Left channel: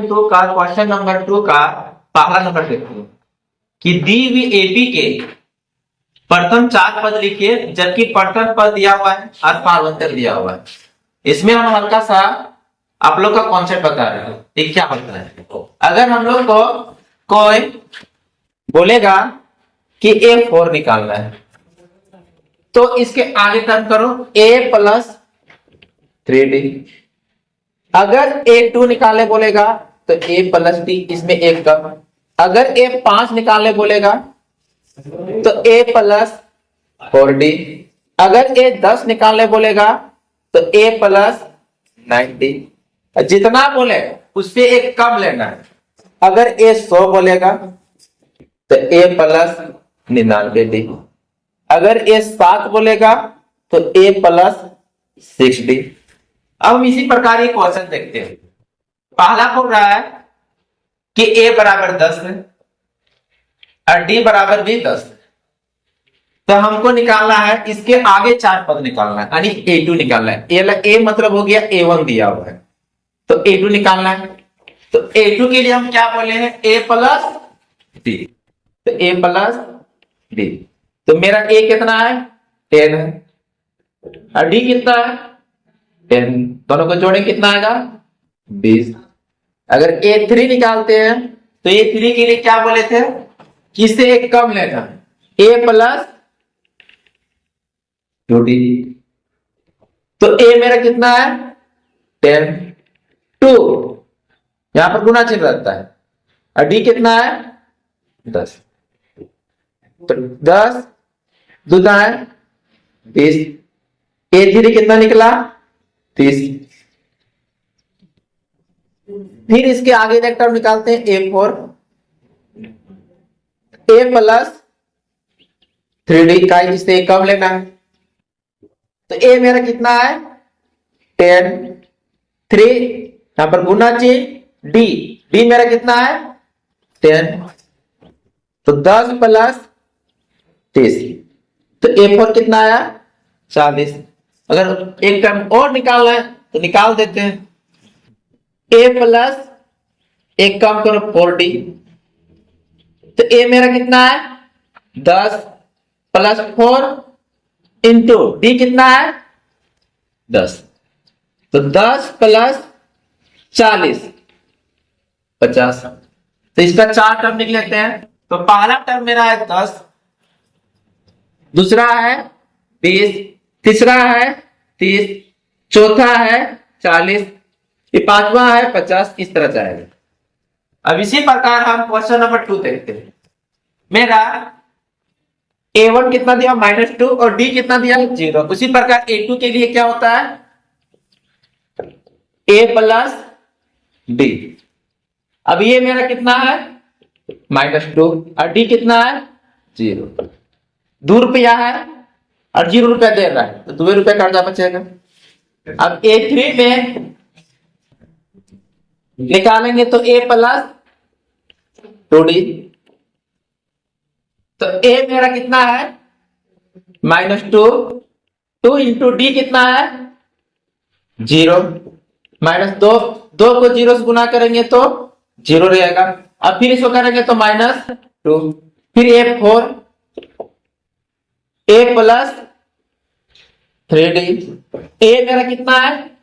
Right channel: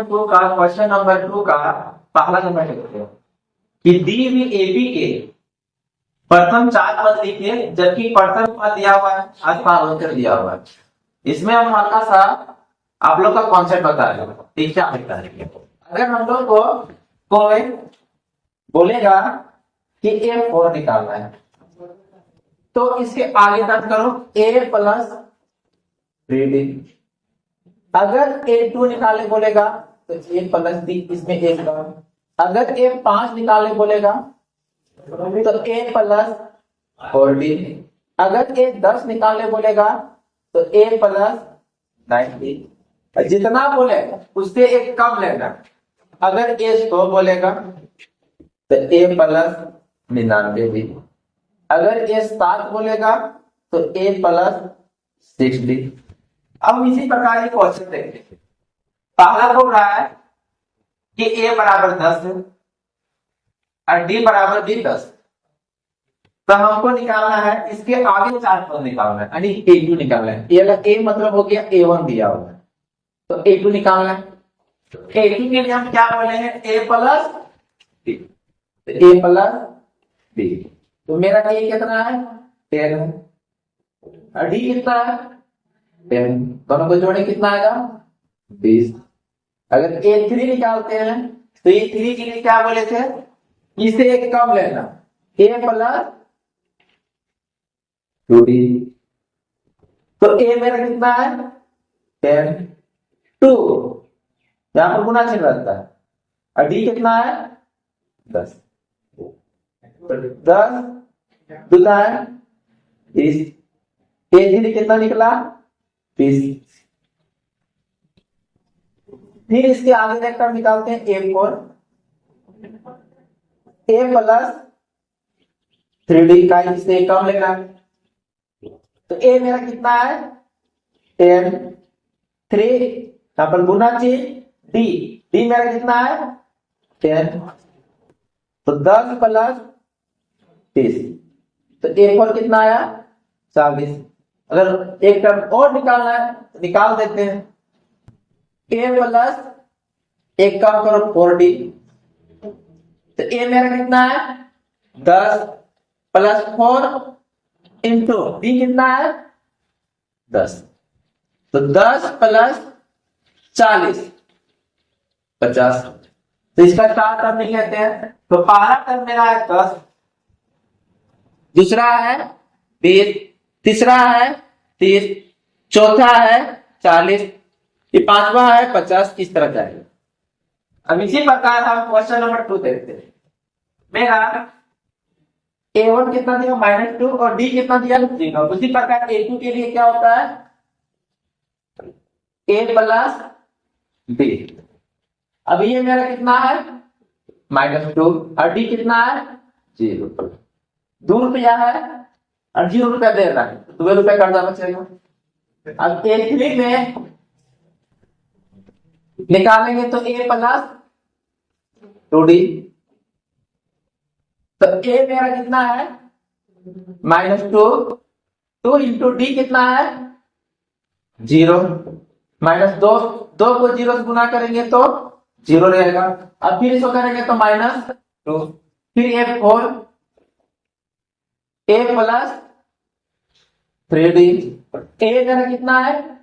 3.2 का question number 2 का पहला नंबर देखते हैं कि दी हुई एपी के प्रथम 4 पद लिखिए, जबकि प्रथम पद दिया हुआ है और पार्वंतर दिया हुआ है। इसमें हम हल्का सा आप लोग का कॉन्सेप्ट बता रहे हैं ये क्या होता है। अगर हम लोग को कोई बोलेगा कि A4 निकालना है तो इसके आगे टर्म करो A प्लस 3D। अगर A2 निकाले बोलेगा तो A प्लस D, इसमें एक कम। अगर A5 निकाले बोलेगा तो A प्लस 4D। अगर A10 निकाले बोलेगा तो A प्लस 9D। जितना बोले उससे एक कम लेना। अगर A100 बोलेगा तो A प्लस 99D। अगर A7 बोलेगा तो A प्लस 6D। अब हम इसी प्रकार एक क्वेश्चन देखते हैं। पहला बोल रहा है कि A बराबर 10 है और D बराबर भी 10 है, तो हमको निकालना है इसके आगे 4 पद निकालना है, यानी A2 निकालना है। A मतलब हो गया A1 दिया हुआ है तो A2 निकालना है। तो A2 के लिए हम क्या बोले हैं A प्लस D, तो A प्लस D। तो मेरा A कितना है 10 है और D कितना है 10, दोनों को जोड़े कितना आएगा 20। अगर A3 निकालते हैं तो A3 के लिए क्या बोले थे कि इससे एक कम लेना A प्लस 2D। तो A मेरा कितना है 10, 2 यहां पर गुना चिन्ह रहता है और D कितना है 10। तो 10 दूसरा है 20। A3 कितना निकला 30। फिर इसके आगे एक टर्म निकालते हैं A4, A प्लस 3D का जिससे एक कम लेना है। तो A मेरा कितना है 10, 3 यहां पर गुना चिन्ह D मेरा कितना है 10, तो 10 प्लस 30। तो A4 कितना आया 40। अगर एक टर्म और निकालना है तो निकाल देते हैं। A प्लस एक काम करो 4D, तो A मेरा कितना है 10 प्लस 4 इंटू D कितना है 10, तो 10 प्लस 40 50। तो इसका 4 टर्म निकल लेते हैं। तो पहला टर्म मेरा है 10, दूसरा है 20, तीसरा है 30, चौथा है 40, ये पांचवा है 50। इस तरह जाएगा। अब इसी प्रकार हम क्वेश्चन नंबर 2 देखते हैं। मेरा A1 कितना दिया -2 और D कितना दिया 0। उसी प्रकार A2 के लिए क्या होता है A प्लस D। अब ये मेरा कितना है -2 और D कितना है 0। 2 रुपया है और 0 रुपया दे रहा है तो 2 रुपया कर्जा बचेगा। अब A3 में निकालेंगे तो A प्लस 2D। तो A मेरा कितना है -2, 2 इंटू D कितना है 0, -2 को 0 से गुना करेंगे तो 0 रहेगा। अब फिर इसको करेंगे तो -2, फिर A4, A plus 3D। A मेरा कितना है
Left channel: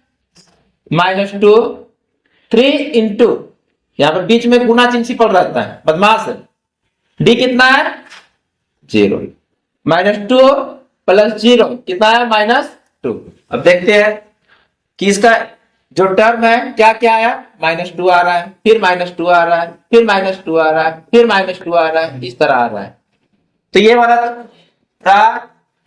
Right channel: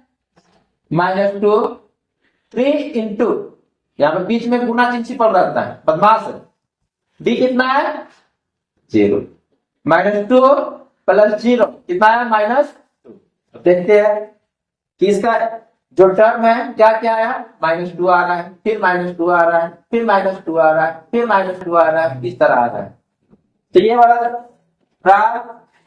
-2, 3 इंटू यहां पर बीच में गुना चिन्ह सिंपल रहता है बदमाश है। D कितना है 0, -2 प्लस 0 कितना है -2। अब देखते हैं कि इसका जो टर्म है क्या क्या है -2 आ रहा है, फिर -2 आ रहा है, फिर -2 आ रहा है, फिर -2 आ रहा है, इस तरह आ रहा है। तो ये वाला था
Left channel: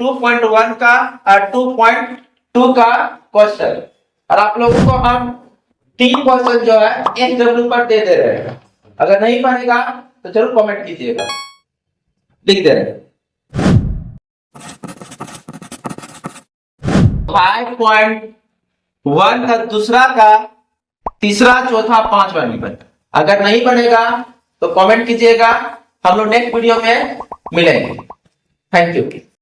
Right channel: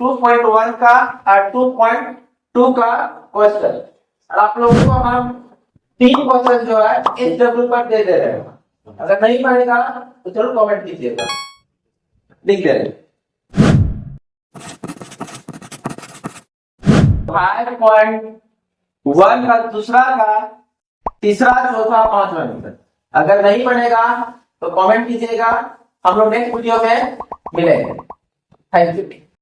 2.1 का और 2.2 का क्वेश्चन। और आप लोगों को हम 3 क्वेश्चन जो है SW पर दे रहे हैं। अगर नहीं पढ़ेगा तो जरूर कमेंट कीजिएगा, लिख दे रहे। 5.1 का दूसरा का तीसरा चौथा पांचवा निबंध अगर नहीं पढ़ेगा तो कमेंट कीजिएगा। हम लोग नेक्स्ट वीडियो में मिलेंगे। Thank you.